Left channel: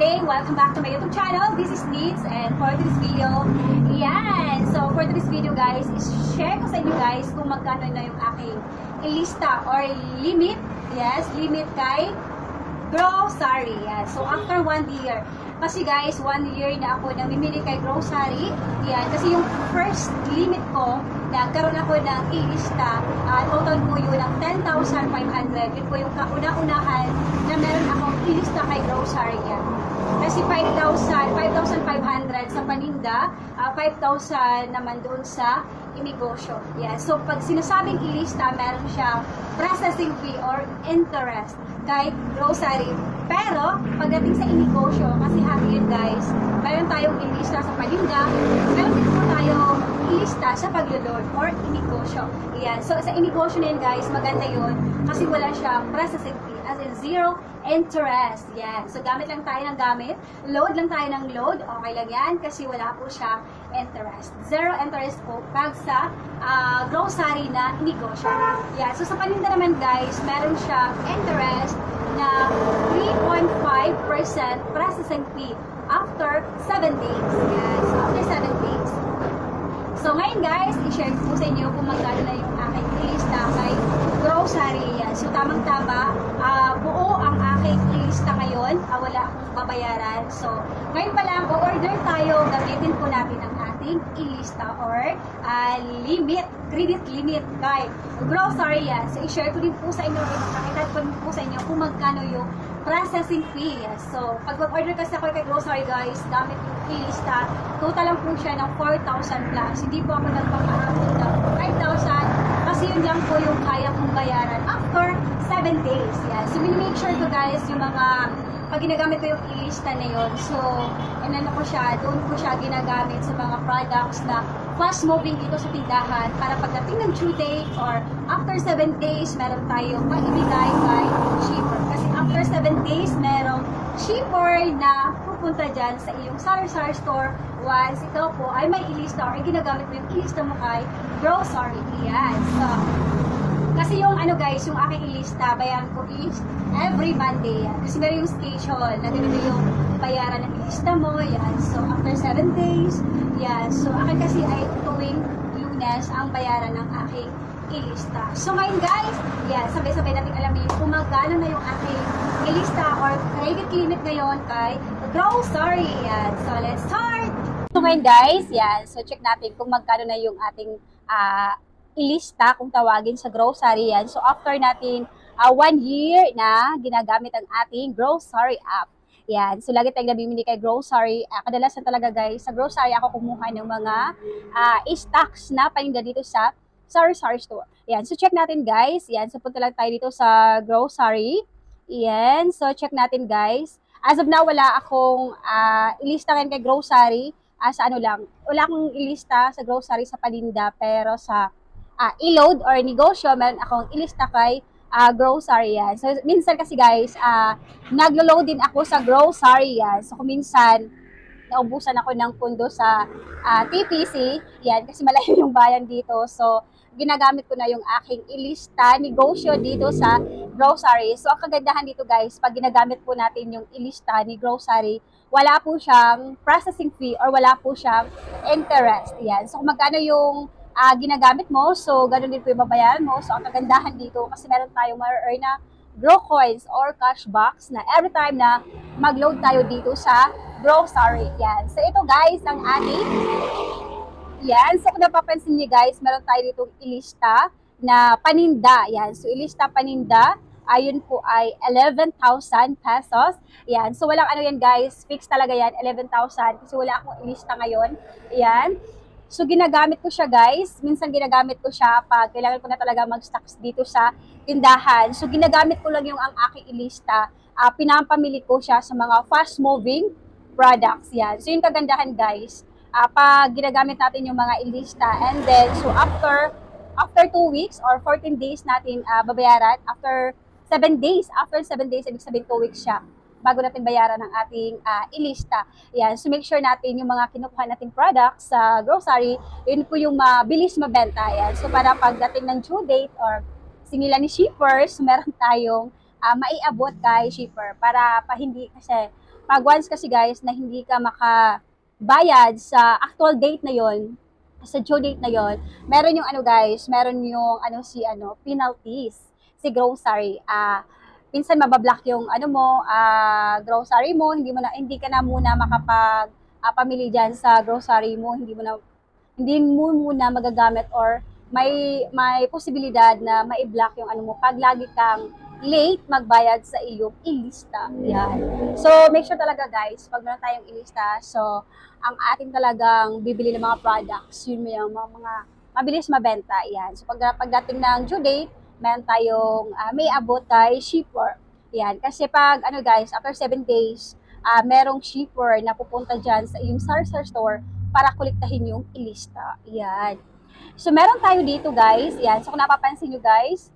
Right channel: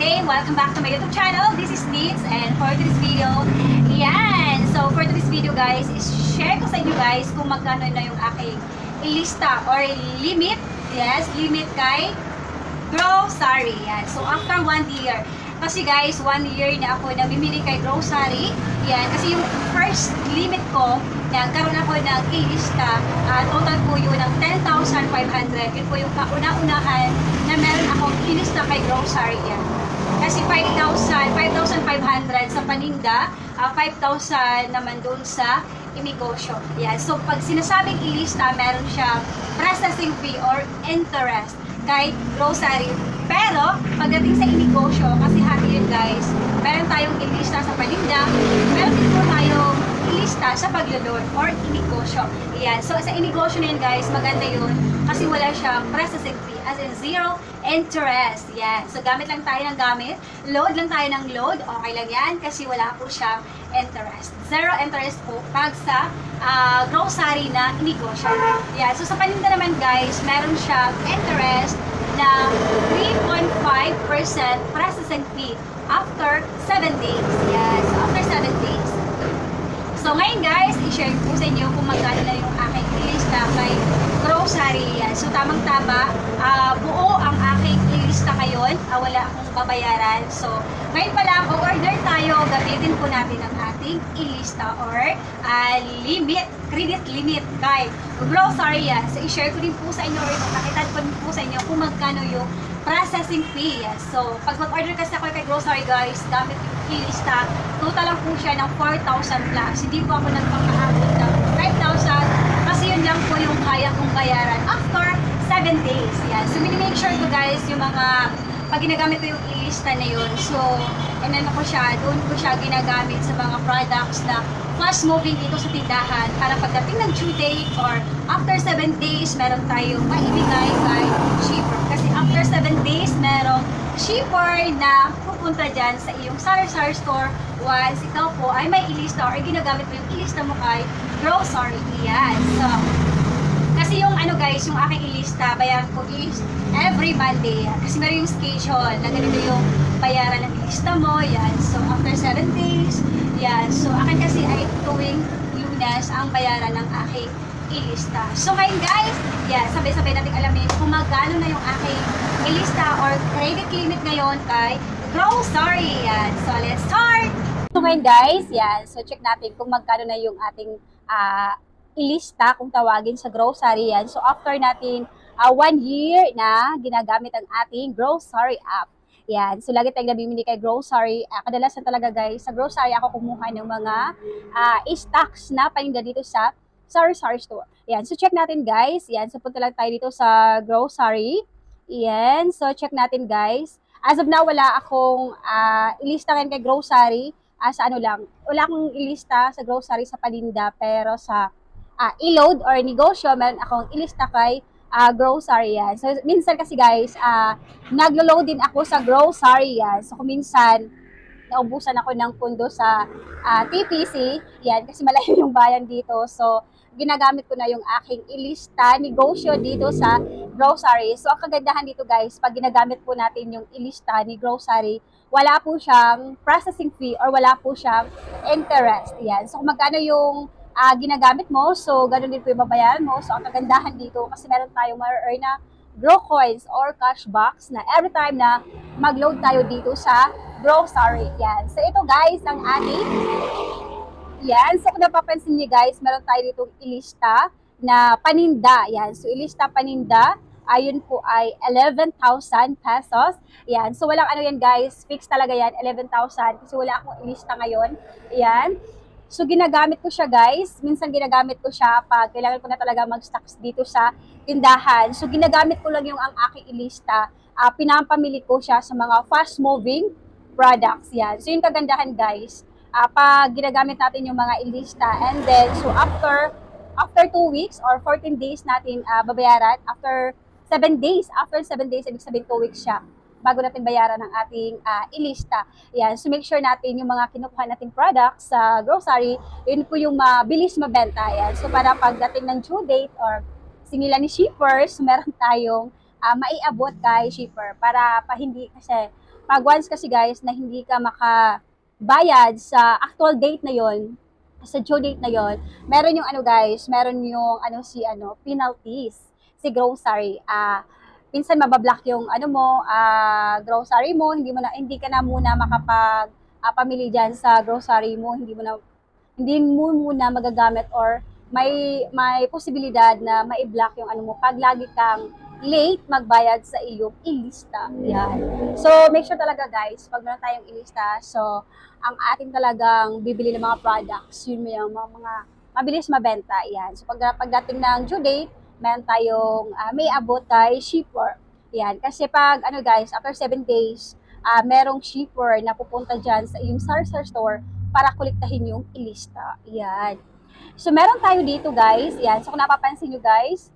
day! Welcome back to my YouTube channel. This is Tits, and for today's video, yan. So for today's video guys, is share ko sa inyo guys kung magkano na yung aking ilista or limit. Yes, limit kay grocery. Yan. So after 1 year. Kasi guys, 1 year na ako namimili kay grocery. Yan. Kasi yung first limit ko, yan, karoon ako ng ilista. Total po yun ng 10,500. Yun po yung kauna-unahan na meron akong ilista kay grocery yan. Kasi 5,500 sa paninda, 5,000 naman dun sa inegosyo. Yan. So pag sinasabing ilista, meron siyang processing fee or interest kay grocery. Pero, pagdating sa inegosyo, kasi hati yun guys, meron tayong ilista sa paninda, meron din po tayong ilista sa paglulod or inegosyo. Yan. So, sa inegosyo na yun guys, maganda yun kasi wala siyang processing fee, as in zero interest. Yan. So, gamit lang tayo ng gamit, load lang tayo ng load, okay lang yan kasi wala po siyang interest. Zero interest po pag sa grocery na inegosyo. Yan. So, sa paninda naman guys, meron siyang interest na 3.5% processing fee after 7 days. Yes, after 7 days. So ngayon guys, i-share ko sa inyo kung magkano na yung aking lista kay grocery. Yan. So tamang-tama, buo ang aking lista ngayon. Wala akong babayaran. So ngayon pala, order tayo. Gamitin po natin ang ating ilista or limit, credit limit kay grocery. Yan. So i-share ko din po sa inyo or kakitan ko din po sa inyo kung magkano yung processing fee. Yes. So pag mag-order kasi ako kay grocery guys, gamit yung ilista, total lang po siya ng 4,000 plus. Hindi po ako nagpakahabot ng 5,000 kasi yun lang po yung kaya kong bayaran after 7 days. Yan. So minimake sure ko guys yung mga pag ginagamit ko yung ilista na yun. So inano ko siya, doon ko siya ginagamit sa mga products na fast moving dito sa tindahan para pagdating ng due date or after 7 days, meron tayong maibigay kay shipper. Kasi after 7 days, meron shipper na pupunta dyan sa iyong sari-sari store once ikaw po ay may ilista or ginagamit mo yung ilista mo kay grocery. Yan. So, kasi yung ano guys, yung aking ilista, bayaran ko is every Monday. Kasi meron yung schedule na ganito yung bayaran ng ilista mo. Yan. So, after 7 days, yan. So, akin kasi ay tuwing Lunes ang bayaran ng aking ilista. So, ngayon guys, yan, sabay-sabay natin alamin kung magkano na yung aking ilista or credit limit ngayon kay grocery. Yan. So, let's start! So, ngayon guys, yan. So, check natin kung magkano na yung ating ilista kung tawagin sa grocery. Yan. So, after natin 1 year na ginagamit ang ating grocery app. Yan. So, lagi tayong nabimili kay grocery. Kadalasan talaga guys, sa grocery ako kumuha ng mga stocks na paninda dito sa sari-sari store. Yan. So, check natin guys. Yan. So, punta lang tayo dito sa grocery. Yan. So, check natin guys. As of now, wala akong ilista ngayon kay grocery. Sa ano lang. Wala akong ilista sa grocery sa paninda. Pero sa i-load or negosyo, meron akong ilista kay grocery. Yan. So, minsan kasi guys, naglo-load din ako sa grocery. Yan. So, kung minsan, naubusan ako ng pundo sa TPC. Yan, kasi malayo yung bayan dito. So, ginagamit ko na yung aking ilista, negosyo dito sa grocery. So, ang kagandahan dito guys, pag ginagamit po natin yung ilista ni grocery, wala po siyang processing fee or wala po siyang interest. Yan. So, kung magkano yung ginagamit mo, so ganun din po yung babayaran mo. So ang kagandahan dito, kasi meron tayong ma-earn na Grow Coins or cash box na every time na mag-load tayo dito sa grocery. Yan. So ito guys, ang ating yan. So kung napapansin niyo guys, meron tayo dito ilista na paninda. Yan. So ilista paninda, ayun po ay 11,000 pesos. Yan. So walang ano yan guys, fix talaga yan, 11,000 kasi wala akong ilista ngayon. Yan. So, ginagamit ko siya guys. Minsan ginagamit ko siya pag kailangan ko na talaga mag-stocks dito sa tindahan. So, ginagamit ko lang yung ang aking ilista. Pinampamili ko siya sa mga fast-moving products. Yan. So, yung kagandahan guys, pag ginagamit natin yung mga ilista and then, so after 2 weeks or 14 days natin babayaran, after 7 days, ibig sabihin 2 weeks siya bago natin bayaran ng ating ilista. Yan. So, make sure natin yung mga kinukuha nating products sa grocery, yun po yung mabilis mabenta. Yan. So, para pagdating ng due date or sinila ni shippers, meron tayong maiabot kay shipper para pa hindi kasi Pag once kasi guys na hindi ka makabayad sa actual date na yon, sa due date na yon, meron yung ano guys, meron yung penalties, si grocery. Minsan mabablock yung grocery mo, hindi ka na muna makapag pamili diyan sa grocery mo, hindi mo muna magagamit or may posibilidad na mai-block yung mo pag lagi kang late magbayad sa iyong ilista. Yan. So, make sure talaga guys, pag meron tayong ilista, so, ang ating talagang bibili ng mga products, yun mo yung mga mabilis mabenta. Yan. So, pagdating ng due date, meron tayong may abot kay shipper. Yan. Kasi pag, guys, after 7 days, merong shipper na pupunta dyan sa iyong sar-sar store para kolektahin yung ilista. Yan. So, meron tayo dito guys. Yan. So, kung napapansin nyo guys,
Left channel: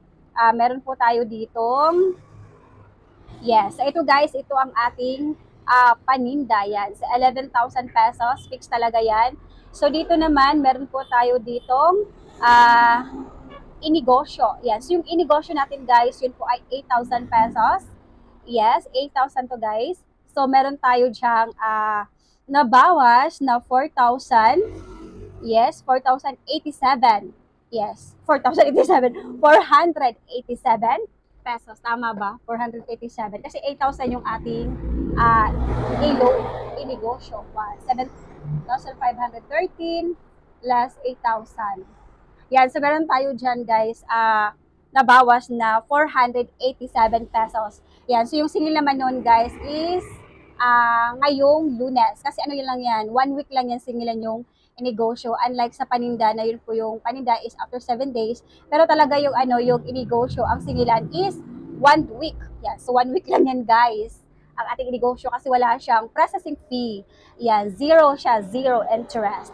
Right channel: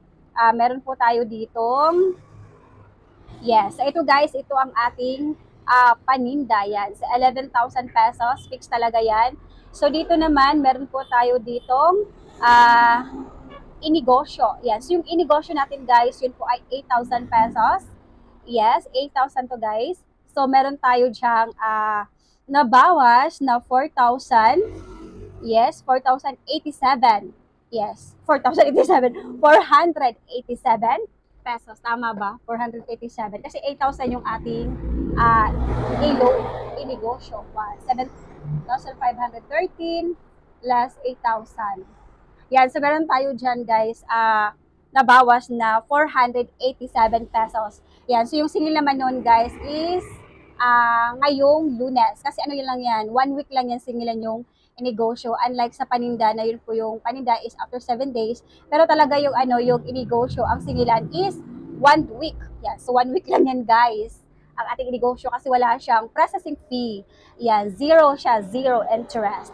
meron po tayo ditong, yes. So, ito guys, ito ang ating paninda. Yan. Sa 11,000 pesos, fix talaga yan. So, dito naman, meron po tayo ditong inegosyo. Yan. So, yung inegosyo natin guys, yun po ay 8,000 pesos. Yes, 8,000 to guys. So, meron tayo dyang nabawas na 4,000. Yes, 4,087. Yes, 4,087. 487 pesos. Tama ba? 487. Kasi 8,000 yung ating inegosyo. 7,513 plus 8,000. Yan, so meron tayo dyan guys, nabawas na 487 pesos. Yan, so yung singil naman nun guys is ngayong Lunes. Kasi ano yun lang yan, 1 week lang yan singilan yung inegosyo. Unlike sa paninda na yun po yung paninda is after 7 days. Pero talaga yung yung inegosyo, ang singilan is 1 week. Yan, so 1 week lang yan guys. Ang ating inegosyo kasi wala siyang processing fee. Yan, zero siya, zero interest.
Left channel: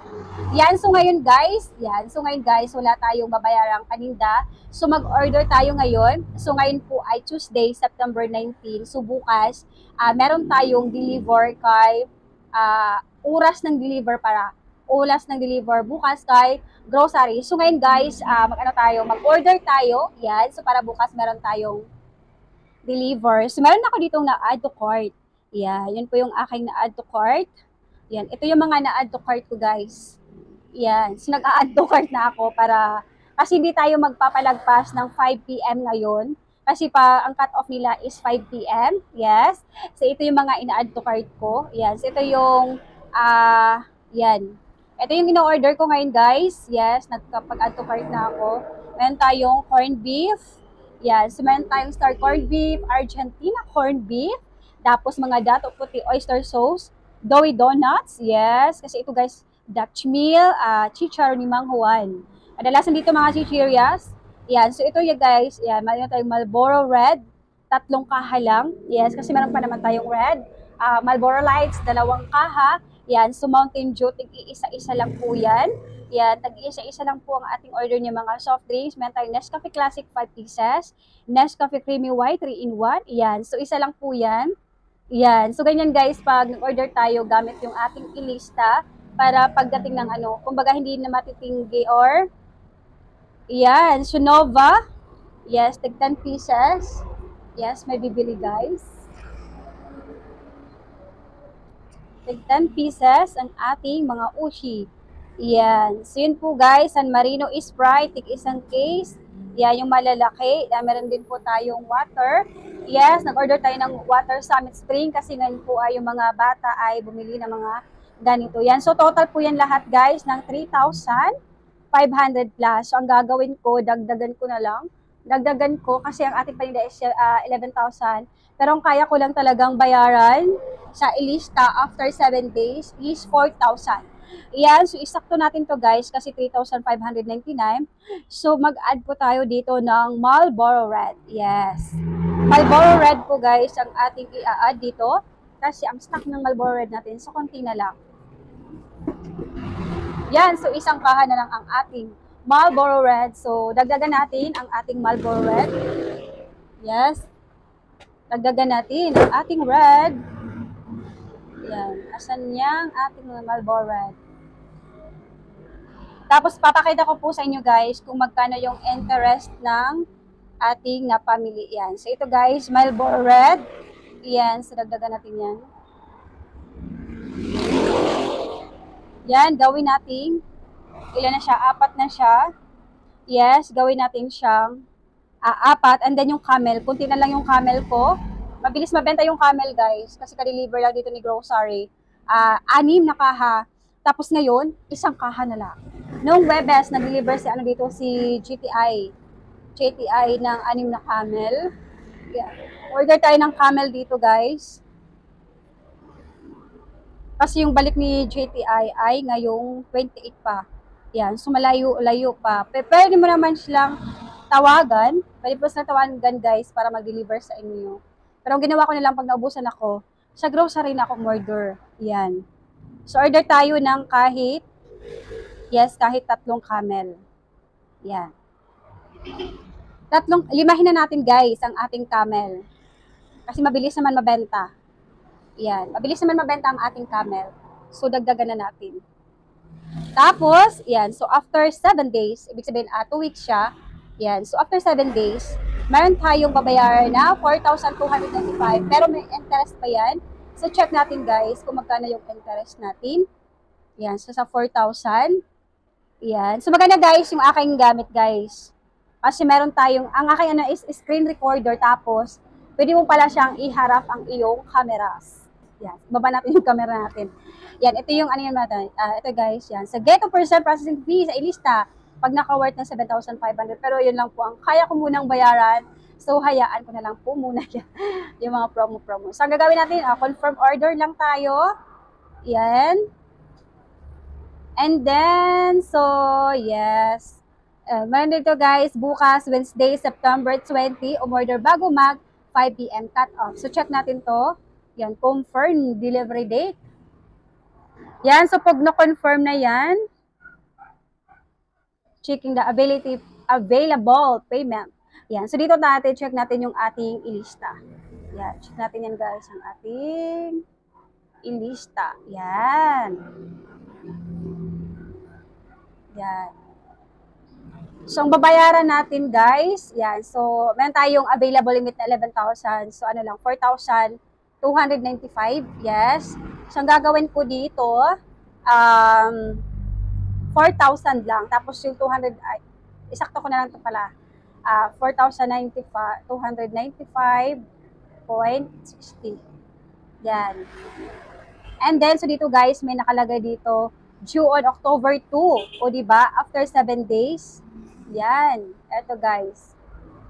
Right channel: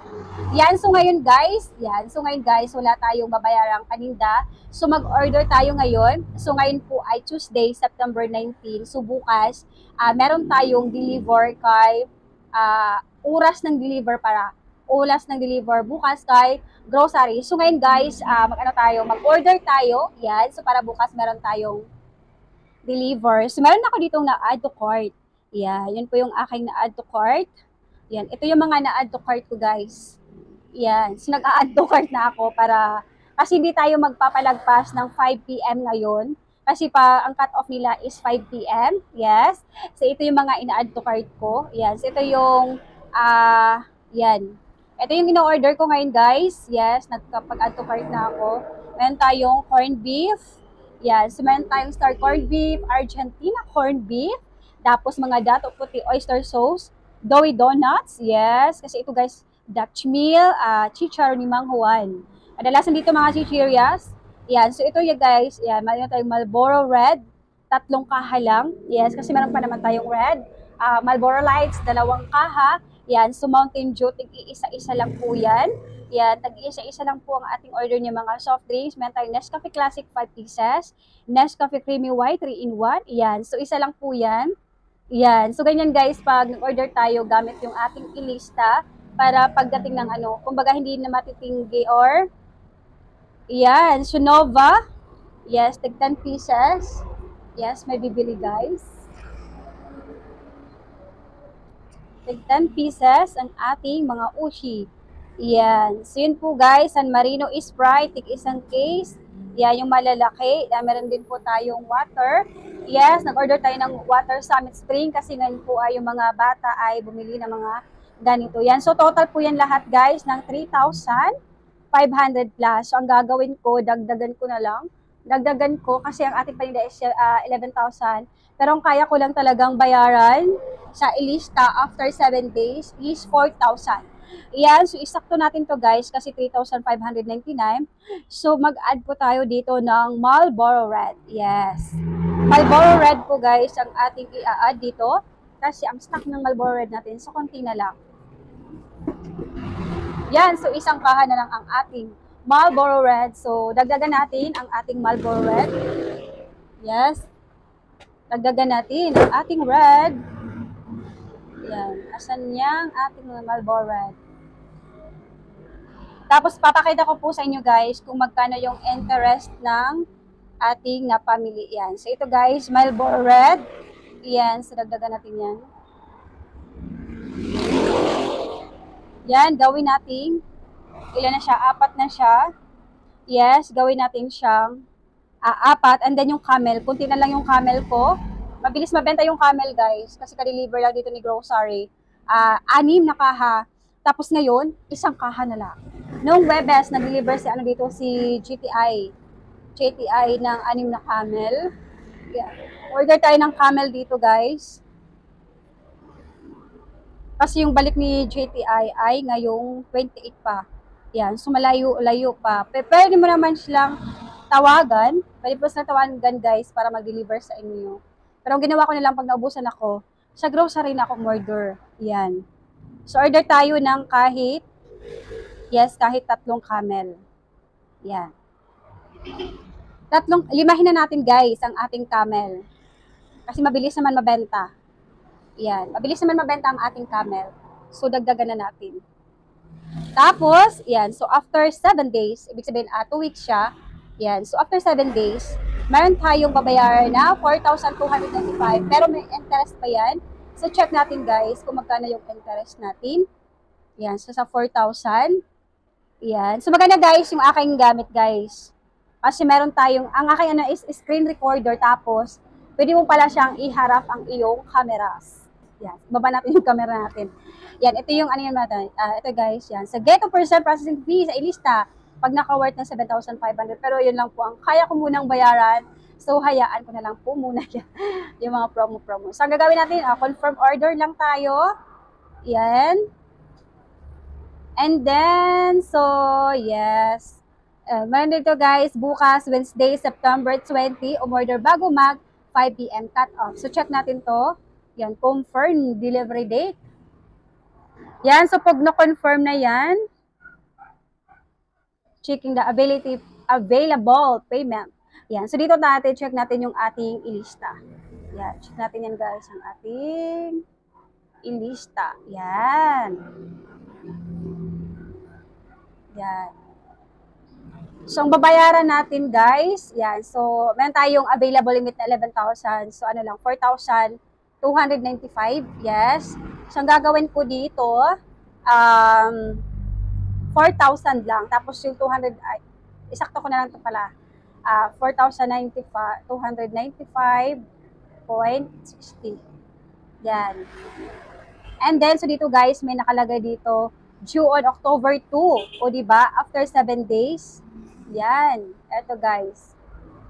Yan, so ngayon guys, wala tayong babayarang paninda. So mag-order tayo ngayon. So ngayon po ay Tuesday, September 19. So bukas, meron tayong deliver kay oras ng deliver bukas kay grocery. So ngayon guys, mag-order tayo. Yan, so para bukas meron tayong deliver. So meron ako ditong na-add to cart. Yan, yun po yung aking na-add to cart. Yan, ito yung mga na-add to cart ko guys. Yan, so nag-a-add to cart na ako kasi hindi tayo magpapalagpas ng 5 PM ngayon. Kasi ang cut-off nila is 5 PM. Yes. So ito yung mga ina-add to cart ko. Yan, so ito yung yan. Ito yung ino-order ko ngayon guys. Yes, nagkapag-add to cart na ako. Meron tayong corned beef. Yan, so meron tayong star corned beef, Argentina corned beef, tapos mga dato puti oyster sauce, doughy donuts, yes, kasi ito guys, Dutch meal, chichar ni Mang Juan. Kadalasan dito mga chichirias. Yan, so ito yung guys, yan, meron tayong Marlboro Red, 3 kaha lang. Yes, kasi meron pa naman tayong red. Marlboro Lights, 2 kaha. Yan, so Mountain Dew, tig-isa-isa lang po yan. Yan, tag-isa-isa lang po ang ating order niya mga soft drinks. Meron tayong Nescafe Classic 5 pieces, Nescafe Creamy White 3-in-1. Yan, so isa lang po yan. Yan, so ganyan guys, pag nag-order tayo gamit yung ating ilista para pagdating ng kumbaga hindi na matitinggi or yan, Sunova. Yes, tag 10 pieces. Yes, may bibili guys. Tag 10 pieces ang ating mga ushi. Yan. So yun po guys, San Marino Sprite, tig isang case. Yan yung malalaki. Yan, meron din po tayong water. Yes, nag-order tayo ng water Summit Spring kasi ngayon po ay yung mga bata ay bumili ng mga ganito. Yan. So total po yan lahat guys ng 3,500 plus. So ang gagawin ko, dagdagan ko na lang. Dagdagan ko kasi ang ating paninda is 11,000. Pero ang kaya ko lang talagang bayaran sa ilista after 7 days is 4,000. Yan, so isakto natin to guys kasi 3,599. So mag-add po tayo dito ng Marlboro Red. Yes. Marlboro Red po guys ang ating i-add dito kasi ang stock ng Marlboro Red natin so konti na lang. Yan, so isang kaha na lang ang ating Marlboro Red. So dagdagan natin ang ating Marlboro Red. Yes. Dagdagan natin ang ating red. Yan. Asan yang ating Marlboro Red? Tapos papakita ko po sa inyo guys kung magkano yung interest ng ating napamili. Yan. So ito guys, Marlboro Red. Yan. So dagdagan natin yan. Yan, gawin natin. Ilan na siya? 4 na siya. Yes, gawin natin siyang 4. And then yung camel, kunti na lang yung camel ko. Mabilis mabenta yung camel, guys. Kasi ka-deliver lang dito ni grocery. 6 na kaha. Tapos ngayon, 1 kaha na lang. Noong Webes, nag-deliver dito si GTI ng 6 na camel. Yeah. Order tayo ng camel dito, guys. Kasi yung balik ni GTI ay ngayong 28 pa. Yan, so malayo-layo pa. Pwede mo naman silang tawagan. Pwede po silang tawagan, guys, para mag-deliver sa inyo. Pero ang ginawa ko na lang pag naubusan ako, sa grocery na ako order. Yan. So, order tayo ng kahit 3 camel. Yan. 5 na natin, guys, ang ating camel. Kasi mabilis naman mabenta. Yan. Mabilis naman mabenta ang ating camel. So, dagdagan na natin. Tapos, yan. So, after 7 days, ibig sabihin, 2 weeks siya. Yan. So, after 7 days, meron tayong babayaran na 4,295. Pero may interest pa yan. So, check natin, guys, kung magkano yung interest natin. Yan. So, sa 4,000. Yan. So, maganda, guys, yung aking gamit, guys. Kasi meron tayong, ang aking is screen recorder. Tapos, pwede mo pala siyang iharap ang iyong cameras. Yan. Baba natin yung camera natin. Yan. Ito yung ano yan natin. Ito, guys. Yan. Sa get 2% processing fee sa ilista, pag naka-worth ng 7,500. Pero yun lang po ang kaya ko munang bayaran. So, hayaan ko na lang po muna yan. Yung mga promo-promo. So, ang gagawin natin, confirm order lang tayo. Yan. And then, so, yes. Meron dito, guys, bukas, Wednesday, September 20, umorder bago mag 5 p.m. cut-off. So, check natin to. Yan, confirm delivery date. Yan, so pag na-confirm na yan, checking the available payment. Yan, so dito natin, check natin yung ating ilista. Yan, check natin yan, guys, ang ating ilista. Yan. Yan. So, ang babayaran natin, guys, yan. So, meron tayong available limit na 11,000. So, ano lang, 4,295. Yes. So, ang gagawin ko dito, 4,000 lang. Tapos, yung 200, isakto ko na lang ito pala. 4,295.60. Yan. And then, so dito, guys, may nakalagay dito, due on October 2. O, diba? After 7 days. Yan. Ito, guys.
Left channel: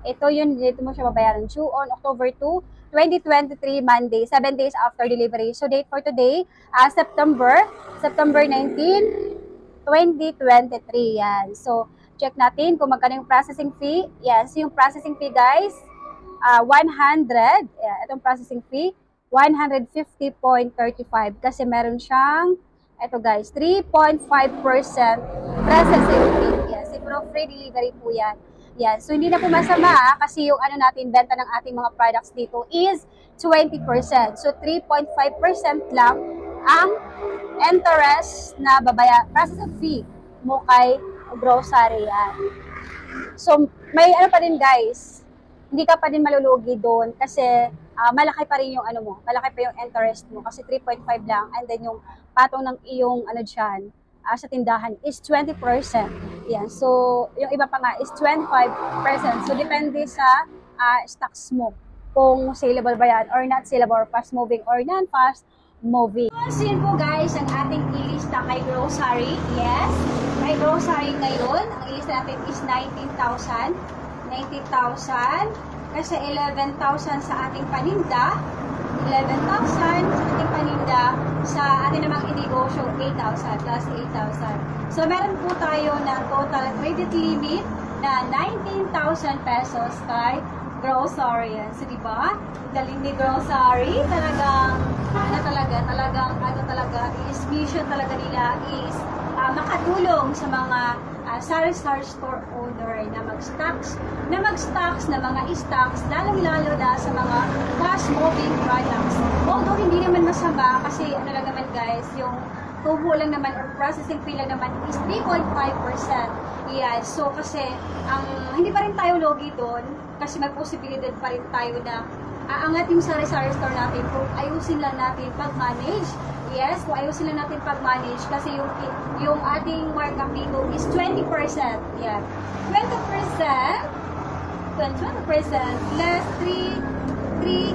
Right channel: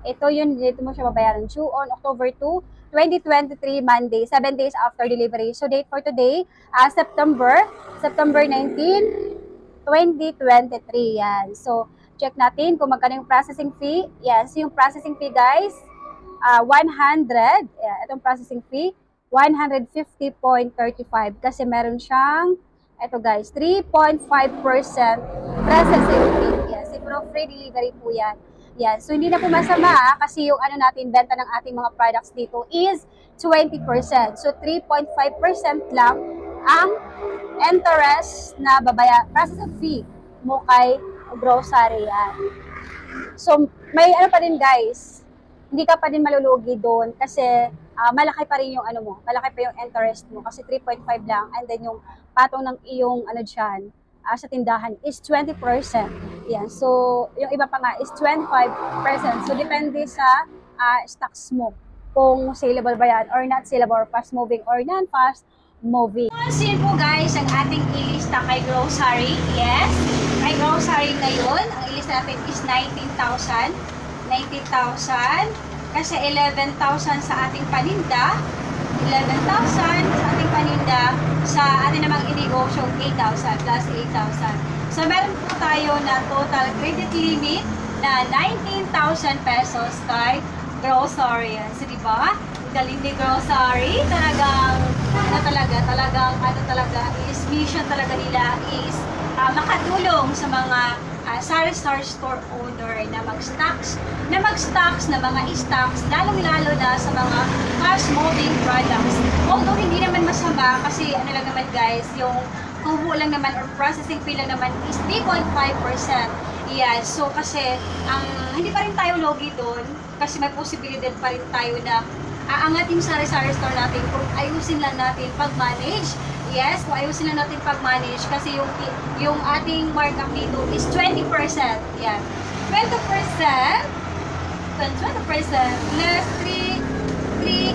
Ito yun, dito mo siya babayaran. Due on October 2, 2023, Monday, 7 days after delivery. So, date for today, September 19, 2023. Yan. So, check natin kung magkano yung processing fee. Yan. So, yung processing fee, guys, 100. Yan. Itong processing fee, 150.35. Kasi meron siyang, ito, guys, 3.5% processing fee. Yan. Siguro free delivery po yan. Yan. So, hindi na po masama kasi yung ano natin, benta ng ating mga products dito is 20%. So, 3.5% lang ang interest na processing fee mo kay grocery yan. So, may ano pa din, guys, hindi ka pa din malulugi doon kasi malaki pa rin yung ano mo, malaki pa yung interest mo kasi 3.5 lang and then yung patong ng iyong ano dyan, sa tindahan is 20%. Yan. So, yung iba pa nga is 25%. So, depende sa stocks mo. Kung saleable ba yan or not saleable, or fast moving or non-fast moving. So, yun po, guys, ang ating ilista kay grocery. Yes. Kay grocery ngayon, ang ilista natin is 19,000. 19,000. Kasi 11,000 sa ating paninda. 11,000 sa ating paninda. Sa ating namang inegosyo, 8,000 plus 8,000. So, meron po tayo na total credit limit na 19,000 pesos kay grocery. So, diba? Galing ni grocery. Talagang is mission talaga nila is makatulong sa mga sari-sari store owner na mag-stocks na mga stocks, lalong-lalo na sa mga fast-moving products. Although hindi naman masama kasi ano lang naman, guys, yung tubo lang naman or processing fee lang naman is 3.5%. Yan. So kasi hindi pa rin tayo logi doon kasi may posibilidad pa rin tayo na aangat yung sari-sari store natin kung ayusin lang natin pag-manage. Yes, kung ayusin lang natin pag-manage kasi yung ating markup dito is 20%. Yan. 20%, less 3, 3.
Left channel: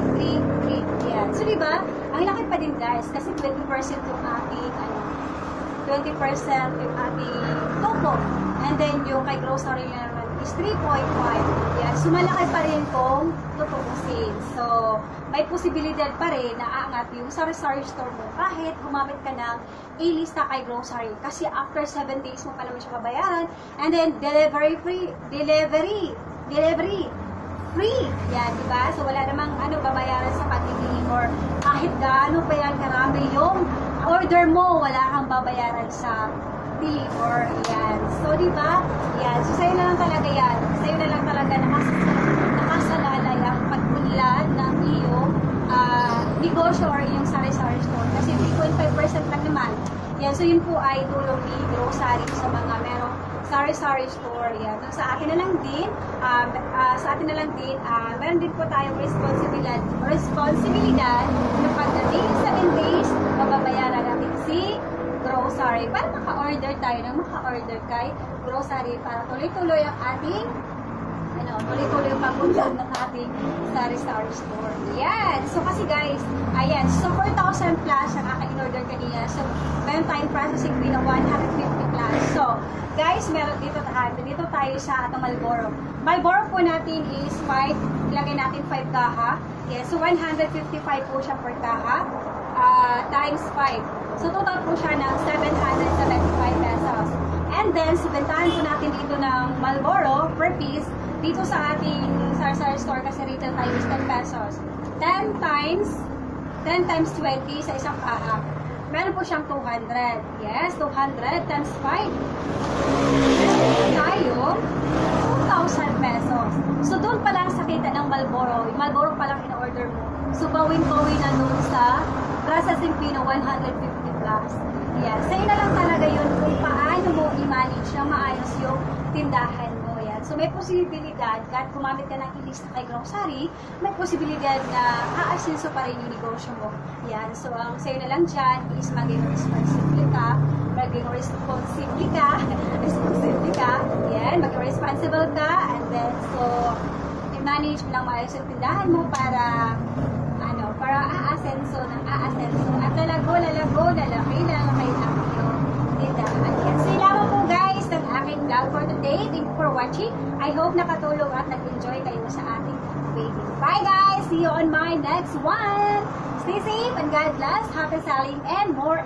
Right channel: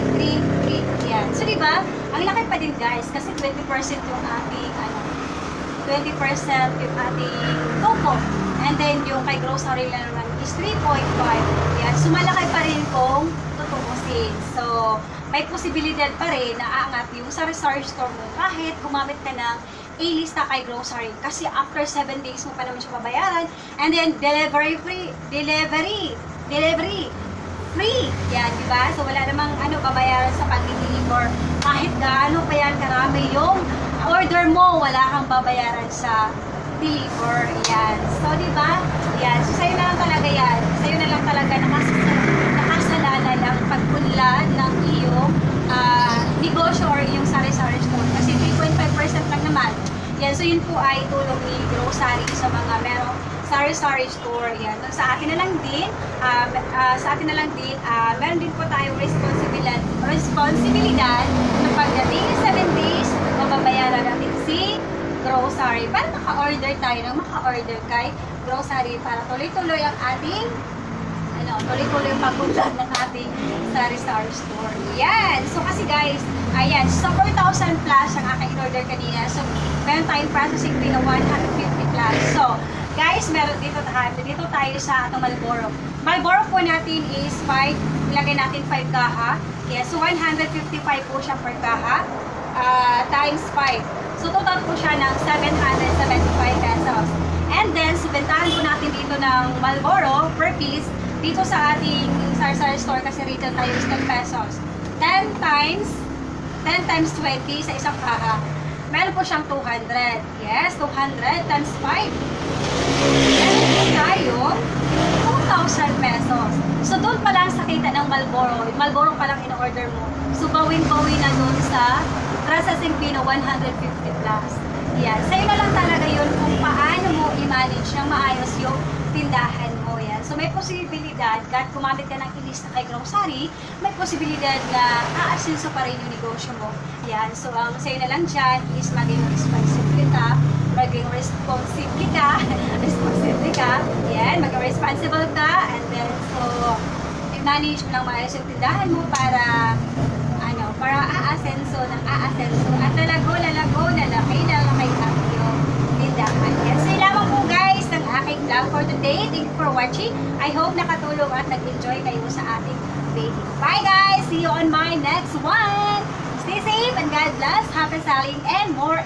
Yan. So, diba? Ang laki pa din, guys, kasi 20% yung ating, 20% yung ating coupon. And then, yung kay grocery lang naman is 3.5. Yan. So, malaki pa rin kung tutubusin. So, may posibilidad pa rin na aangat yung sari-sari store mo kahit gumamit ka ng A-lista kay grocery. Kasi after 7 days mo pa naman siya babayaran. And then, delivery free. Free. Yan, diba? So, wala namang babayaran sa pag-deliver. Kahit gaano pa yan karami yung order mo, wala kang babayaran sa deliver. Yan. So, diba? Yan. So, sa'yo na lang talaga yan. Sa'yo na lang talaga nakasalalay ang pag-unlad ng iyong negosyo or iyong sari-sari store. Kasi 3.5% lang naman. Yan. So, yun po ay tulong ni grocery sa mga merong sari-sari store. Yan. So, sa akin na lang din, meron din po tayong responsibilidad na pagdating sa 7 days, mababayaran natin si grocery. Para maka-order tayo ng maka-order kay grocery para tuloy-tuloy ang ating tuloy-tuloy yung pag-unlad ng ating sari-sari store. Yan! So, kasi guys, ayan, so 4,000 plus ang aking in-order kanina. So, meron tayong processing fee na 150 plus. So, guys, meron dito tayo sa atong Marlboro. Marlboro po natin is 5, ilagay natin 5 kaha. Yes, so 155 po siya per kaha, times 5. So total po siya ng 775 pesos. And then, subentahan po natin dito ng Marlboro per piece dito sa ating sari-sari store kasi retail tayo is 10 pesos. 10 times 20 sa isang kaha. Meron po siyang 200. Yes, 200 times 5. Tayo, 2,000 pesos. So, doon pa lang sa kita ng Marlboro. Yung Marlboro pa lang in-order mo. So, bawin-bawin na doon sa processing fee na 150 plus. Yan. Sa'yo na lang talaga yun kung paano mo i-manage ng maayos yung tindahan mo. Yan. So, may posibilidad, kahit kumapit ka ng ilista kay grocery, may posibilidad na aasinso pa rin yung negosyo mo. Yan. So, ang sa'yo na lang dyan is maging responsible ka. Maging responsible ka. Yan. Maging responsible ka. And then, so, i-manage mo lang maayos yung tindahan mo para aasenso at lalago na laki ang iyong tindahan. Yan. So, yun lamang po guys ang aking vlog for today. Thank you for watching. I hope nakatulong at nag-enjoy kayo sa ating video. Bye guys! See you on my next one! Stay safe and God bless. Happy selling and more